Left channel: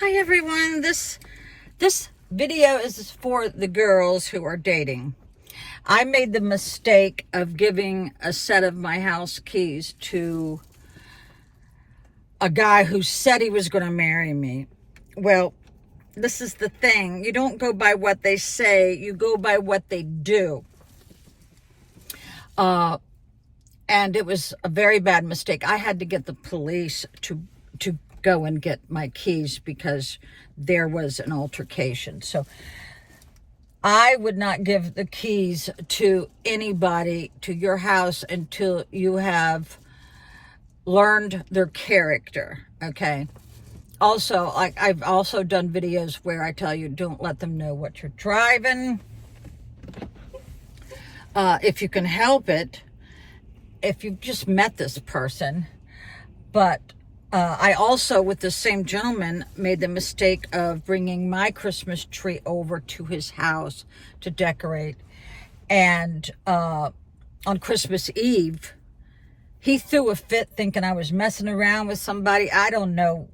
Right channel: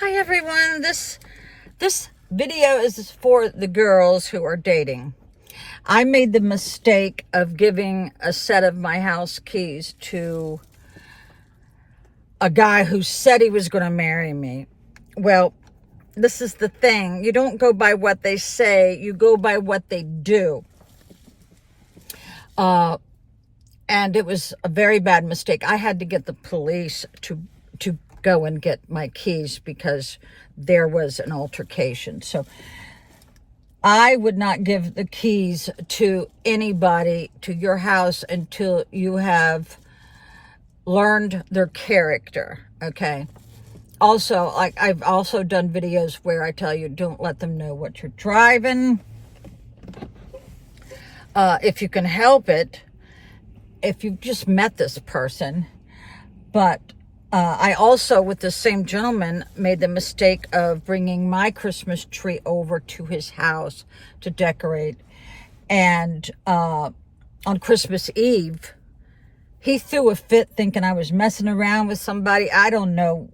Hi everyone. This video is for the girls who are dating. I made the mistake of giving a set of my house keys to a guy who said he was going to marry me. Well, this is the thing. You don't go by what they say, you go by what they do. And it was a very bad mistake. I had to get the police to go and get my keys because there was an altercation. So I would not give the keys to anybody to your house until you have learned their character, okay? Also, I've also done videos where I tell you don't let them know what you're driving. If you can help it, if you've just met this person. But I also, with the same gentleman, made the mistake of bringing my Christmas tree over to his house to decorate. And on Christmas Eve, he threw a fit thinking I was messing around with somebody. I don't know.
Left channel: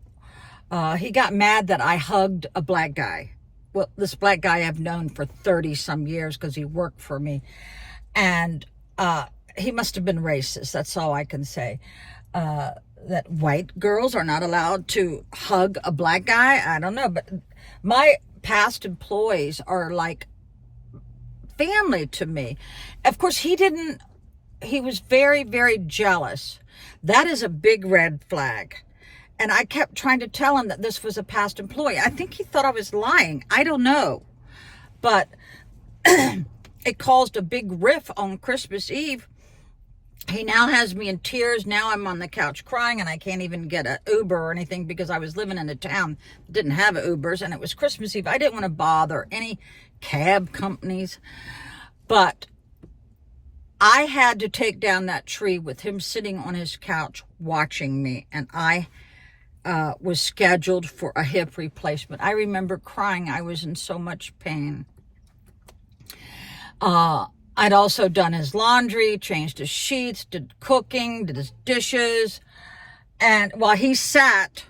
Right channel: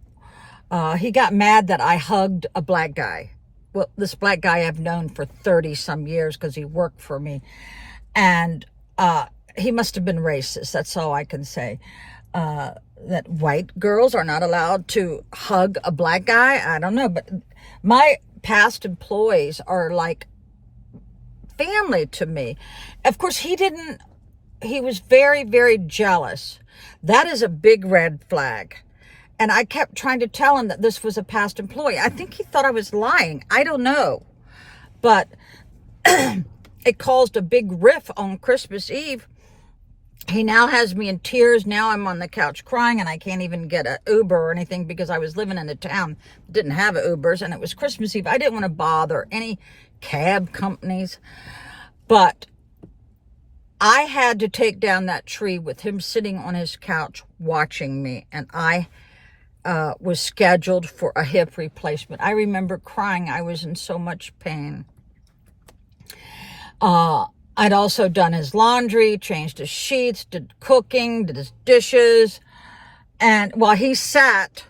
He got mad that I hugged a black guy. Well, this black guy I've known for 30 some years because he worked for me. And he must have been racist. That's all I can say. That white girls are not allowed to hug a black guy. I don't know. But my past employees are like family to me. Of course, he was very, very jealous. That is a big red flag. And I kept trying to tell him that this was a past employee. I think he thought I was lying. I don't know. But it caused a big riff on Christmas Eve. He now has me in tears. Now I'm on the couch crying and I can't even get an Uber or anything because I was living in a town that didn't have Ubers and it was Christmas Eve. I didn't want to bother any cab companies. But I had to take down that tree with him sitting on his couch watching me, and I was scheduled for a hip replacement. I remember crying. I was in so much pain. I'd also done his laundry, changed his sheets, did cooking, did his dishes. And while he sat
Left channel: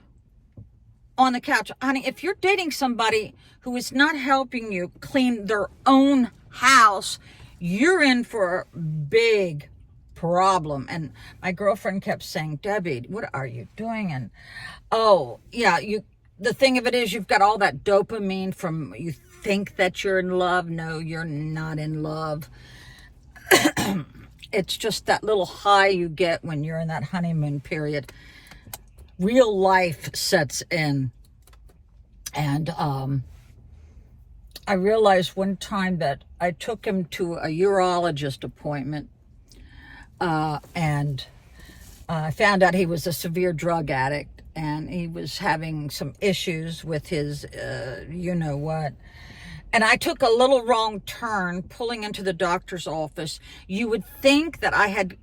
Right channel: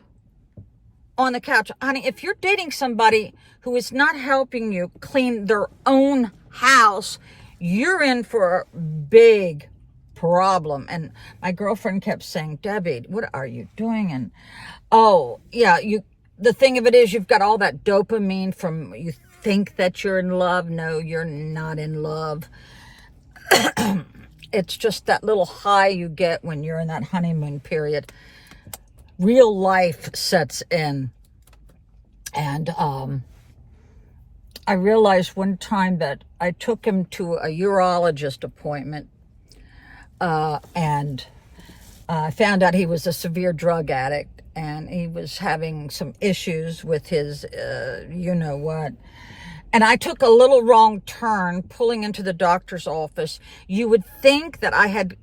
on the couch, honey, if you're dating somebody who is not helping you clean their own house, you're in for a big problem. And my girlfriend kept saying, Debbie, what are you doing? And oh, yeah, the thing of it is you've got all that dopamine from you think that you're in love. No, you're not in love. It's just that little high you get when you're in that honeymoon period. Real life sets in. And I realized one time that I took him to a urologist appointment and I found out he was a severe drug addict and he was having some issues with his you-know-what. And I took a little wrong turn pulling into the doctor's office. You would think that I had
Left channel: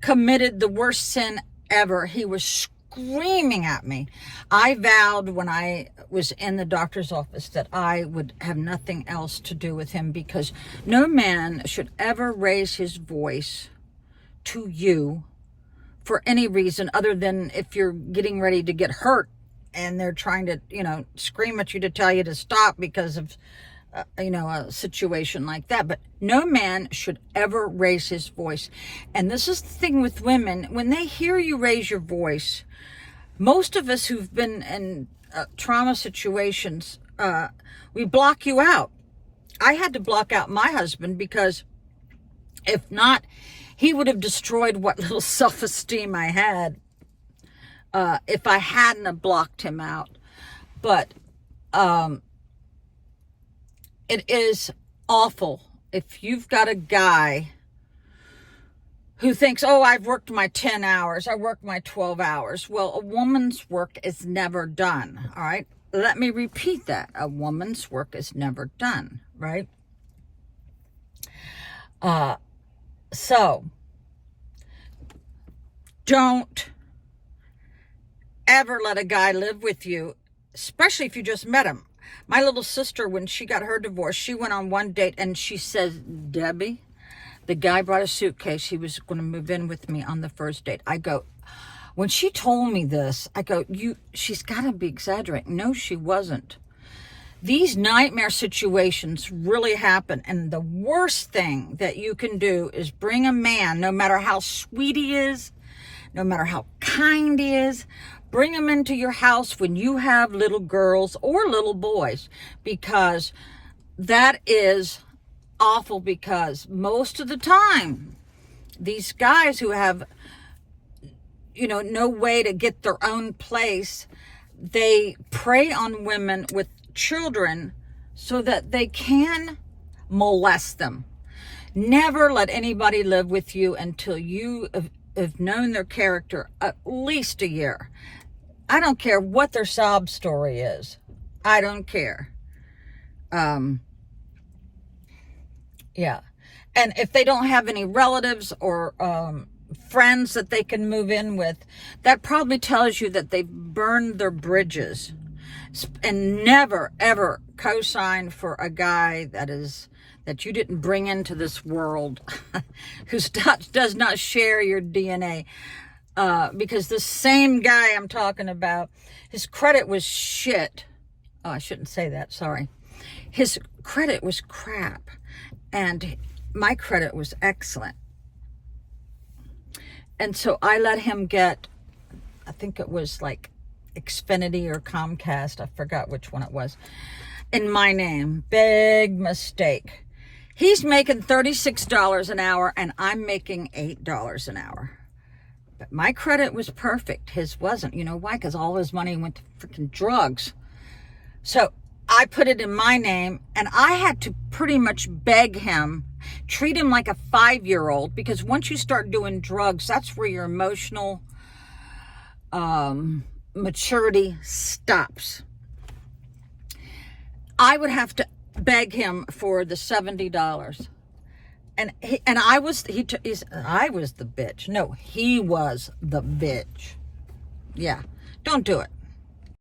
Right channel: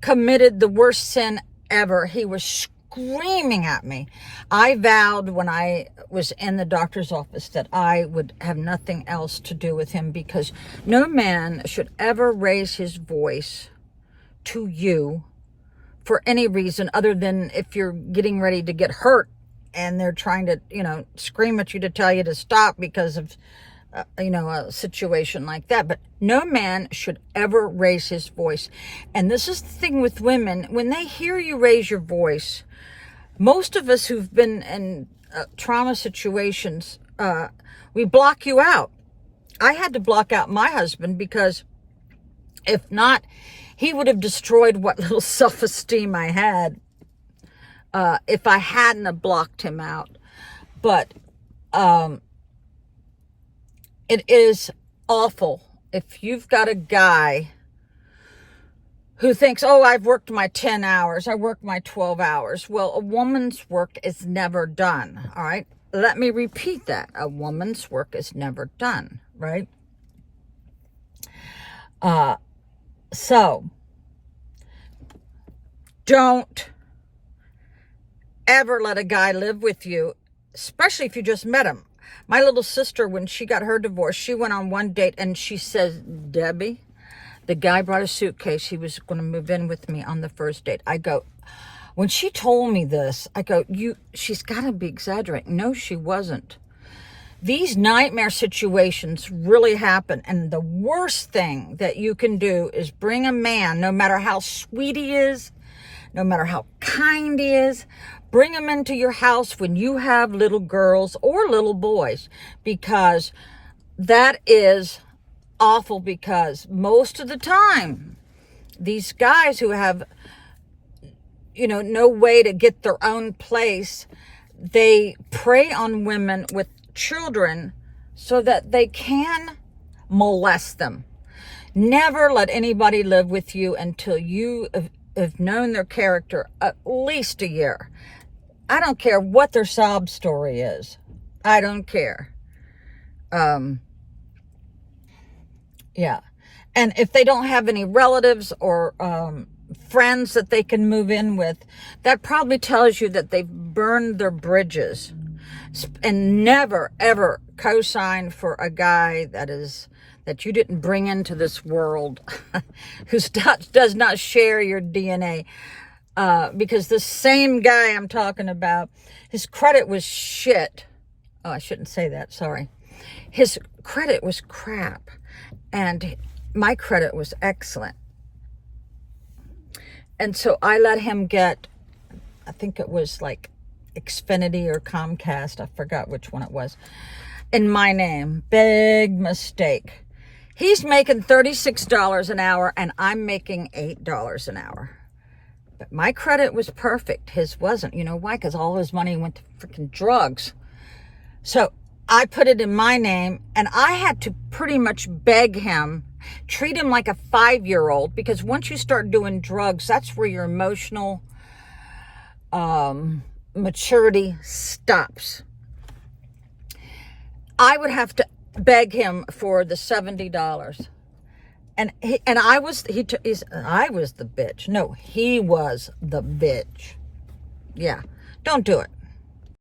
committed the worst sin ever. He was screaming at me. I vowed when I was in the doctor's office that I would have nothing else to do with him because no man should ever raise his voice to you for any reason other than if you're getting ready to get hurt and they're trying to, scream at you to tell you to stop because of, a situation like that. But no man should ever raise his voice. And this is the thing with women. When they hear you raise your voice, most of us who've been in trauma situations, we block you out. I had to block out my husband because if not, he would have destroyed what little self-esteem I had. If I hadn't have blocked him out. But it is awful if you've got a guy who thinks, oh, I've worked my 10 hours, I worked my 12 hours. Well, a woman's work is never done, all right? Let me repeat that. A woman's work is never done, right? So, don't ever let a guy live with you, especially if you just met him. My little sister, when she got her divorce, she went on one date and she says, Debbie, the guy brought a suitcase. He was going to move in with me on the first date. I go, When she told me this, I go, she's got to be exaggerating. No, she wasn't. These nightmare situations really happen. And the worst thing that you can do is bring a man, no matter how sweet he is, no matter how kind he is, bring him into your house when you have little girls or little boys, because that is awful. Because most of the time, these guys who have, no way to get their own place, they prey on women with children so that they can molest them. Never let anybody live with you until you have known their character at least a year. I don't care what their sob story is. I don't care. Yeah. And if they don't have any relatives or friends that they can move in with, that probably tells you that they've burned their bridges. And never, ever co-sign for a guy that you didn't bring into this world, who does not share your DNA. Because the same guy I'm talking about, his credit was shit. Oh, I shouldn't say that, sorry. His credit was crap, and my credit was excellent. And so I let him get, I think it was like Xfinity or Comcast, I forgot which one it was, in my name. Big mistake. He's making $36 an hour, and I'm making $8 an hour. But my credit was perfect. His wasn't. You know why? Because all his money went to freaking drugs. So I put it in my name, and I had to pretty much beg him, treat him like a 5-year-old, because once you start doing drugs, that's where your emotional maturity stops. I would have to beg him for the $70. And I was the bitch. No, he was the bitch. Yeah, don't do it.